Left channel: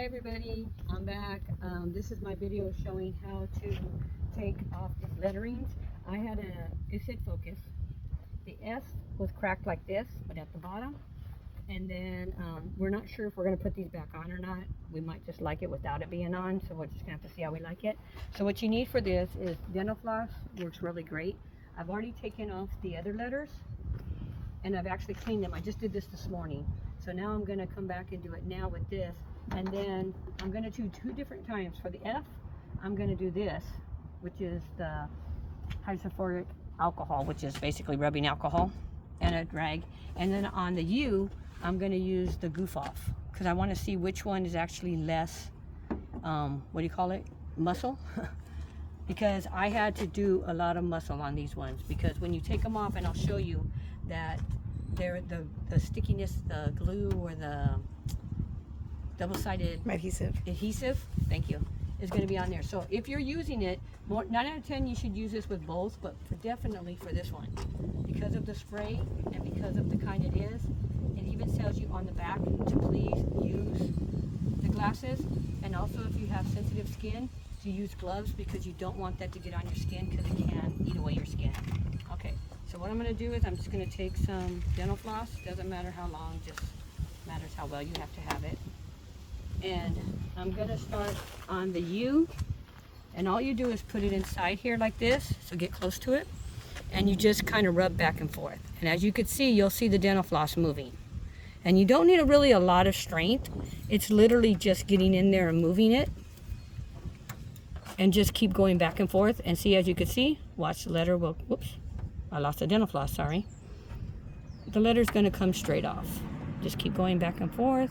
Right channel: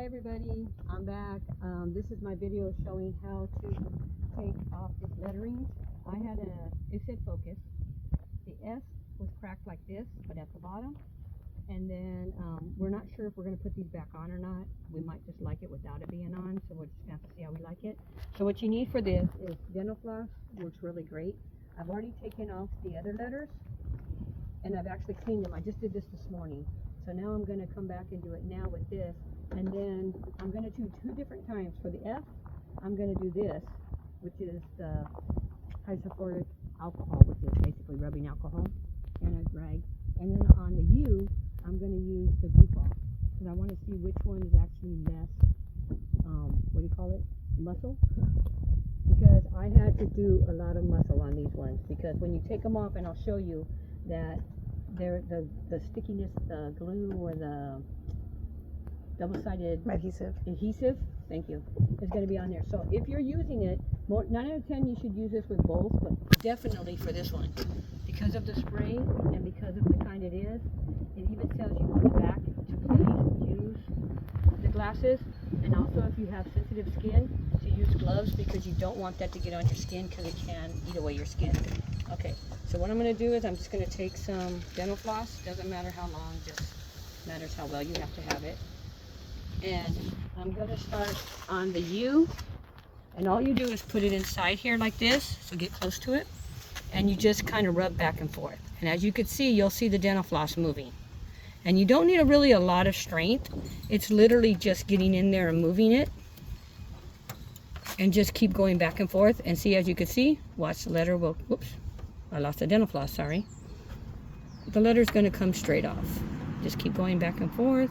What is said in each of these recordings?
Hi everybody, I'm back. This is my video showing how to take off the letterings. It said focus. The S was cracked like this, but at the bottom. And then we're not sure if we're going to put these back on or not. We might just like it without it being on, so we're just going to have to see how we like it. So what you need for this is dental floss. Works really great. I've already taken off the other letters, and I've actually cleaned them. I just did this morning. So now I'm going to come back and do it now with this. And then I'm going to do two different times. For the F, I'm going to do this, which is the hydrofluoric alcohol, which is basically rubbing alcohol and a drag. And then on the U, I'm going to use the goof off because I want to see which one is actually less, what do you call it, muscle? Because I had to do a lot of muscle on these ones, because when you take them off, and I'll show you that they're the stickiness, the glue, or the double-sided adhesive, thank you, is going to be on there. So if you're using it, 9 out of 10 you should use this with both, but definitely for this one, because of the spray and because of the kind it is. It even tells you on the back to please use the glasses, and also if you have sensitive skin, to use gloves, because you don't want that to get on your skin, because it can eat away your skin. Okay, so what I'm going to do is I'm just going to take some dental floss. Doesn't matter how long, just matters how well you have to have it. And I'm going to start on the U, and all you do is put it inside here like this, so get close to it, and you just kind of rub back and forth. And as you can see, you'll see the dental floss moving. And you don't need really a lot of strength. It's literally just getting in there and moving it. And just keep going back and forth. And see, as you can see, watch the letter will, whoops, I lost the dental floss, sorry. The letter's going to come straight off. Just keep going back and forth.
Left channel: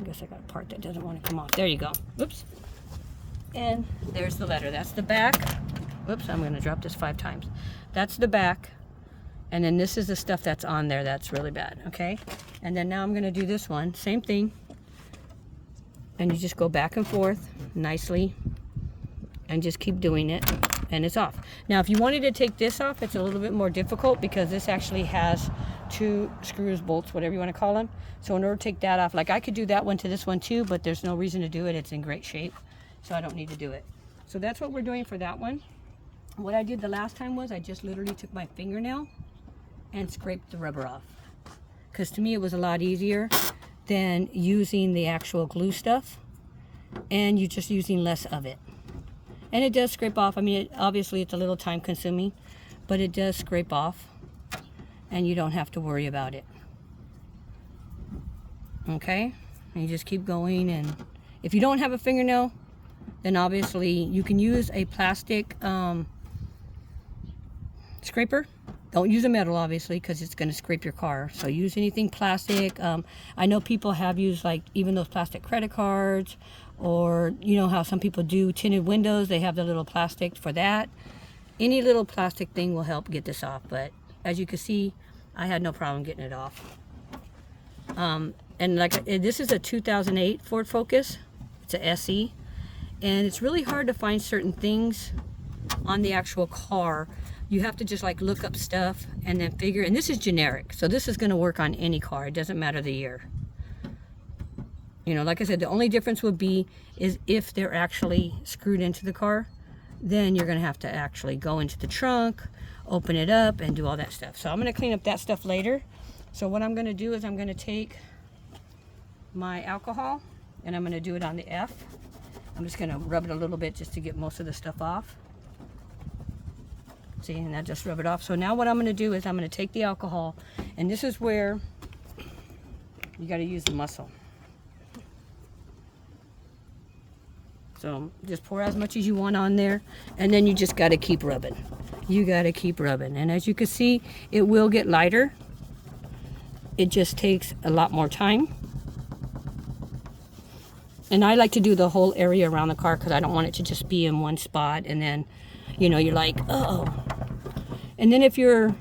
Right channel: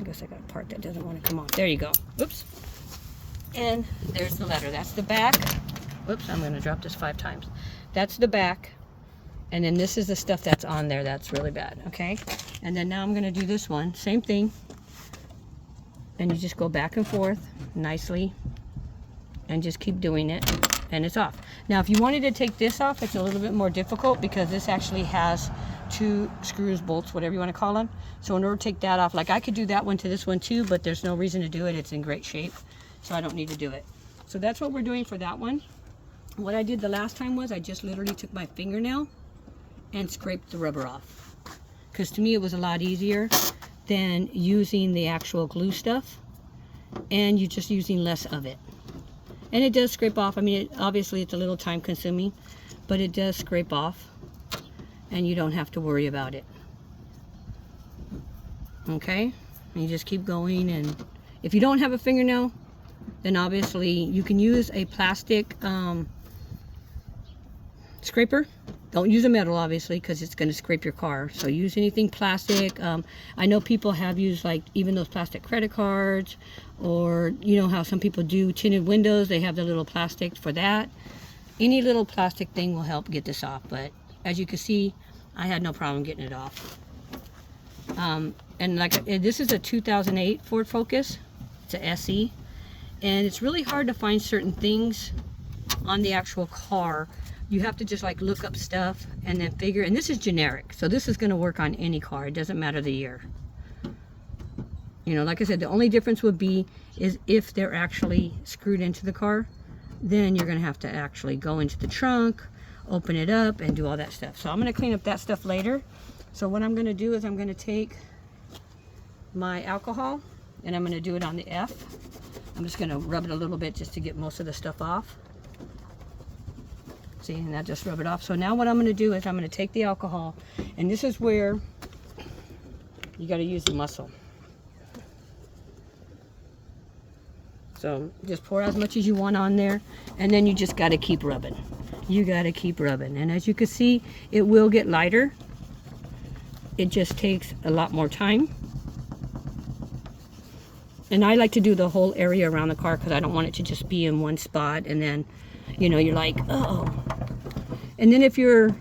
I guess I got a part that doesn't want to come off. There you go. Whoops. And there's the letter. That's the back. Whoops, I'm going to drop this 5 times. That's the back. And then this is the stuff that's on there that's really bad, okay? And then now I'm going to do this one. Same thing. And you just go back and forth nicely. And just keep doing it. And it's off. Now, if you wanted to take this off, it's a little bit more difficult, because this actually has 2 screws, bolts, whatever you want to call them. So in order to take that off, like I could do that one to this one too, but there's no reason to do it. It's in great shape. So I don't need to do it. So that's what we're doing for that one. What I did the last time was I just literally took my fingernail and scraped the rubber off. Because to me it was a lot easier than using the actual glue stuff. And you're just using less of it. And it does scrape off. I mean, obviously it's a little time consuming, but it does scrape off. And you don't have to worry about it. Okay? And you just keep going. And if you don't have a fingernail, then obviously you can use a plastic scraper. Don't use a metal, obviously, because it's going to scrape your car. So use anything plastic. I know people have used, like, even those plastic credit cards, or you know how some people do tinted windows. They have the little plastic for that. Any little plastic thing will help get this off. But as you can see, I had no problem getting it off. And like, this is a 2008 Ford Focus. It's a SE. And it's really hard to find certain things on the actual car. You have to just like look up stuff and then figure, and this is generic, so this is going to work on any car. It doesn't matter the year. You know, like I said, the only difference would be is if they're actually screwed into the car, then you're going to have to actually go into the trunk, open it up, and do all that stuff. So I'm going to clean up that stuff later. So what I'm going to do is I'm going to take my alcohol, and I'm going to do it on the F. I'm just going to rub it a little bit just to get most of the stuff off. See, and I'll just rub it off. So now what I'm going to do is I'm going to take the alcohol, and this is where you got to use the muscle. So just pour as much as you want on there, and then you just got to keep rubbing. You got to keep rubbing. And as you can see, it will get lighter. It just takes a lot more time. And I like to do the whole area around the car, because I don't want it to just be in one spot, and then, you know, you're like, oh. And then if you're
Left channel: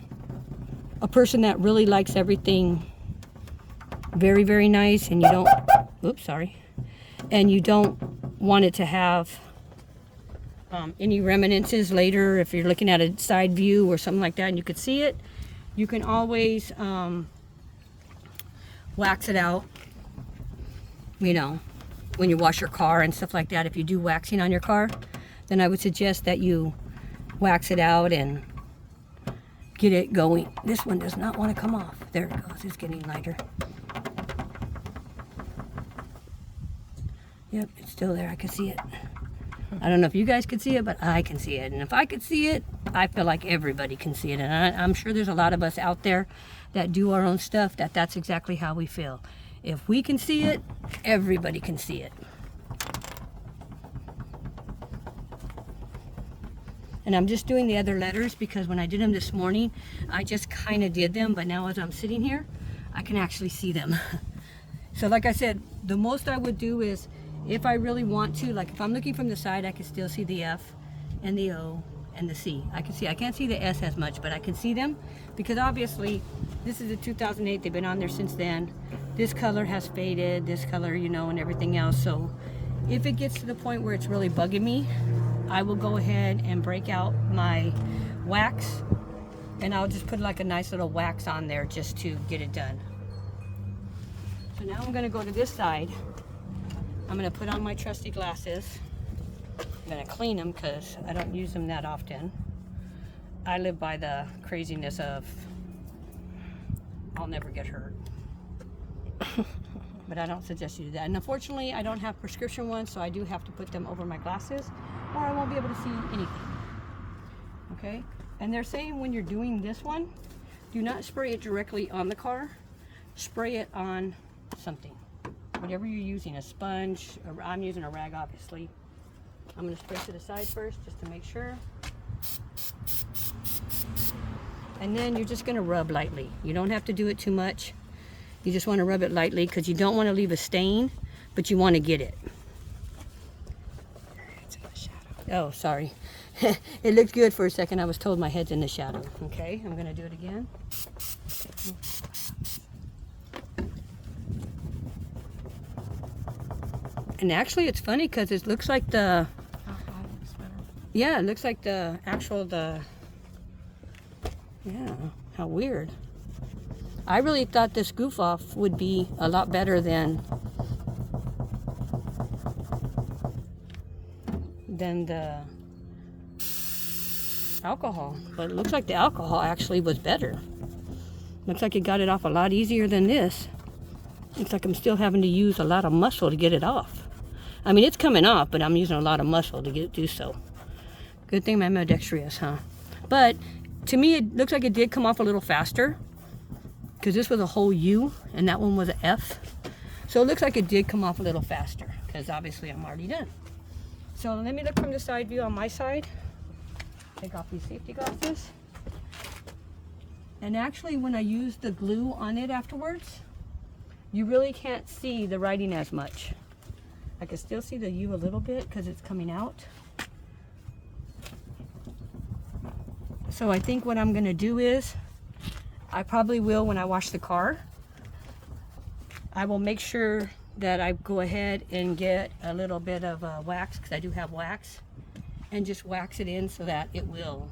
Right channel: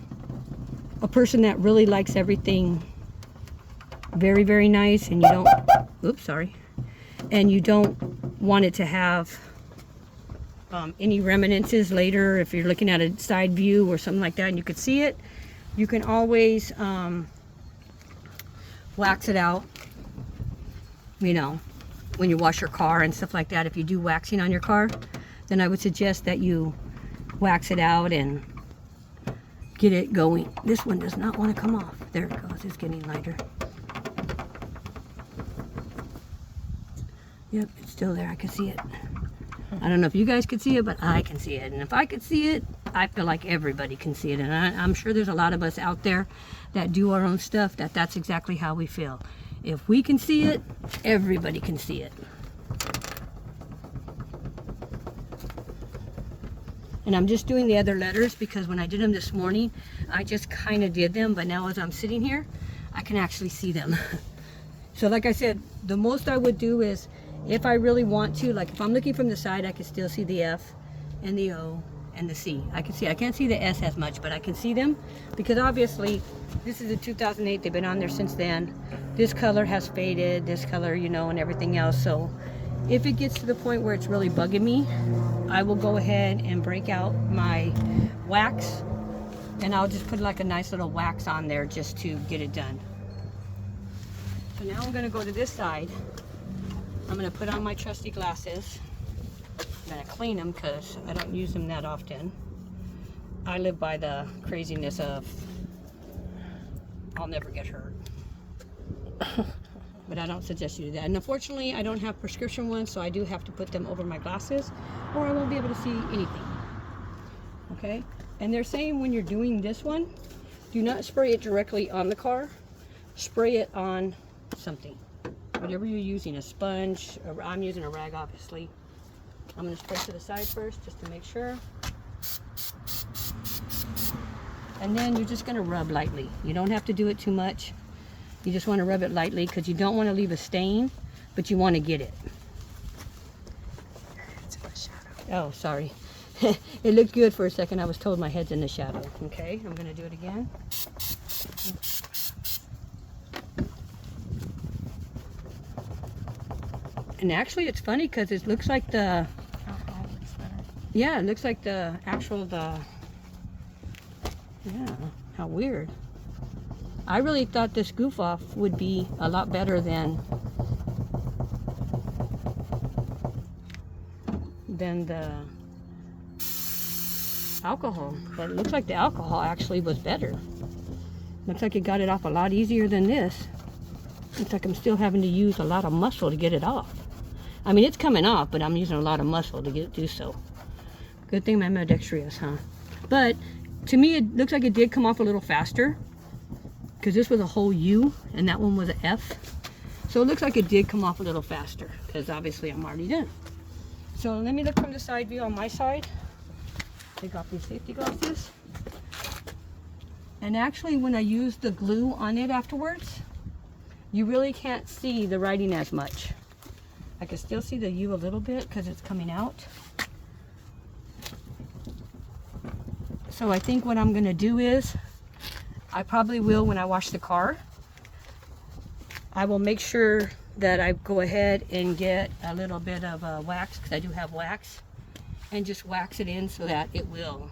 a person that really likes everything very, very nice, and you don't, oops, sorry, and you don't want it to have any reminiscences later, if you're looking at a side view or something like that and you could see it, you can always wax it out, you know, when you wash your car and stuff like that, if you do waxing on your car, then I would suggest that you wax it out and get it going. This one does not want to come off. There it goes. It's getting lighter. Yep, it's still there. I can see it. I don't know if you guys can see it, but I can see it. And if I could see it, I feel like everybody can see it. And I'm sure there's a lot of us out there that do our own stuff that's exactly how we feel. If we can see it, everybody can see it. And I'm just doing the other letters because when I did them this morning, I just kind of did them. But now as I'm sitting here, I can actually see them. So like I said, the most I would do is, if I really want to, like if I'm looking from the side, I can still see the F and the O and the C. I can't see the S as much, but I can see them because obviously this is a 2008. They've been on there since then. This color has faded, this color, you know, and everything else. So if it gets to the point where it's really bugging me, I will go ahead and break out my wax and I'll just put like a nice little wax on there just to get it done. So now I'm gonna go to this side. I'm gonna put on my trusty glasses. I'm gonna clean them because I don't use them that often. I live by the craziness of I'll never get hurt. But I don't suggest you do that. And unfortunately, I don't have prescription ones, so I do have to put them over my glasses or I won't be able to see anything. Okay? And they're saying when you're doing this one, do not spray it directly on the car. Spray it on something. Whatever you're using, a sponge, or I'm using a rag, obviously. I'm going to spray to the side first just to make sure. And then you're just going to rub lightly. You don't have to do it too much. You just want to rub it lightly because you don't want to leave a stain, but you want to get it. It's in the shadow. Oh, sorry. It looked good for a second. I was told my head's in the shadow. Okay, I'm going to do it again. And actually, it's funny because it looks like the... Alcohol looks better. Yeah, it looks like the actual, yeah, how weird. I really thought this goof off would be a lot better than the alcohol. But it looks like the alcohol actually was better. Looks like it got it off a lot easier than this. Looks like I'm still having to use a lot of muscle to get it off. I mean, it's coming off, but I'm using a lot of muscle to do so. Good thing I'm ambidextrous, huh? But to me, it looks like it did come off a little faster because this was a whole U and that one was an F. So it looks like it did come off a little faster because obviously I'm already done. So let me look from the side view on my side. Take off these safety glasses. And actually, when I use the glue on it afterwards, you really can't see the writing as much. I can still see the U a little bit because it's coming out. So I think what I'm going to do is, I probably will when I wash the car, I will make sure that I go ahead and get a little bit of wax, because I do have wax, and just wax it in so that it will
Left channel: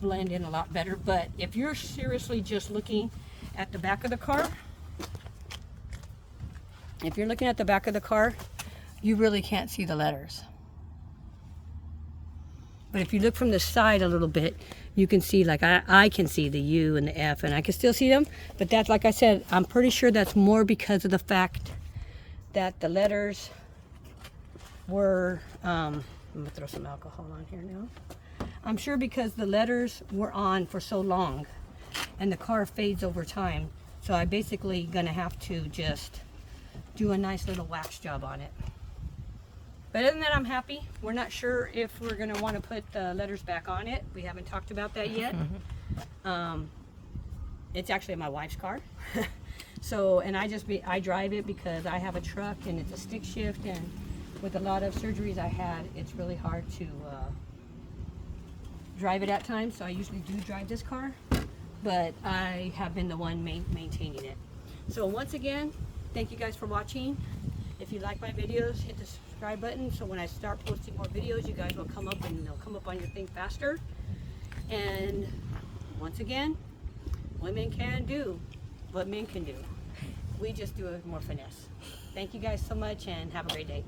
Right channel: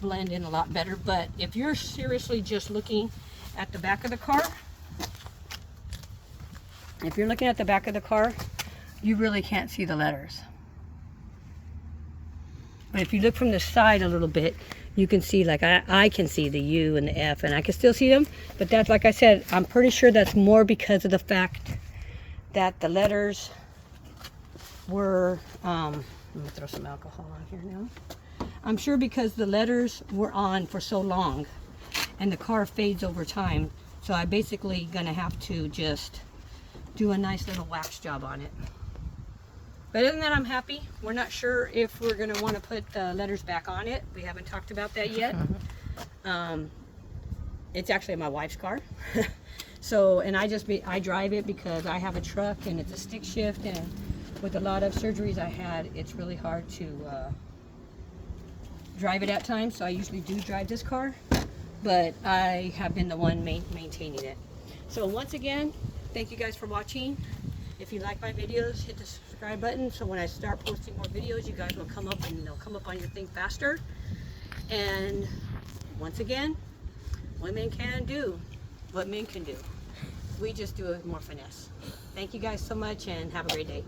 blend in a lot better. But if you're seriously just looking at the back of the car, if you're looking at the back of the car, you really can't see the letters. But if you look from the side a little bit, you can see, like I can see the U and the F, and I can still see them. But that's, like I said, I'm pretty sure that's more because of the fact that the letters were, I'm gonna throw some alcohol on here now. I'm sure because the letters were on for so long and the car fades over time. So I basically gonna have to just do a nice little wax job on it. But other than that, I'm happy. We're not sure if we're gonna want to put the letters back on it. We haven't talked about that yet. It's actually my wife's car. So, and I drive it because I have a truck and it's a stick shift, and with a lot of surgeries I had, it's really hard to drive it at times. So I usually do drive this car, but I have been the one maintaining it. So once again, thank you guys for watching. If you like my videos, hit the subscribe button so when I start posting more videos, you guys will come up and they'll come up on your thing faster. And once again, women can do what men can do. We just do it with more finesse. Thank you guys so much and have a great day.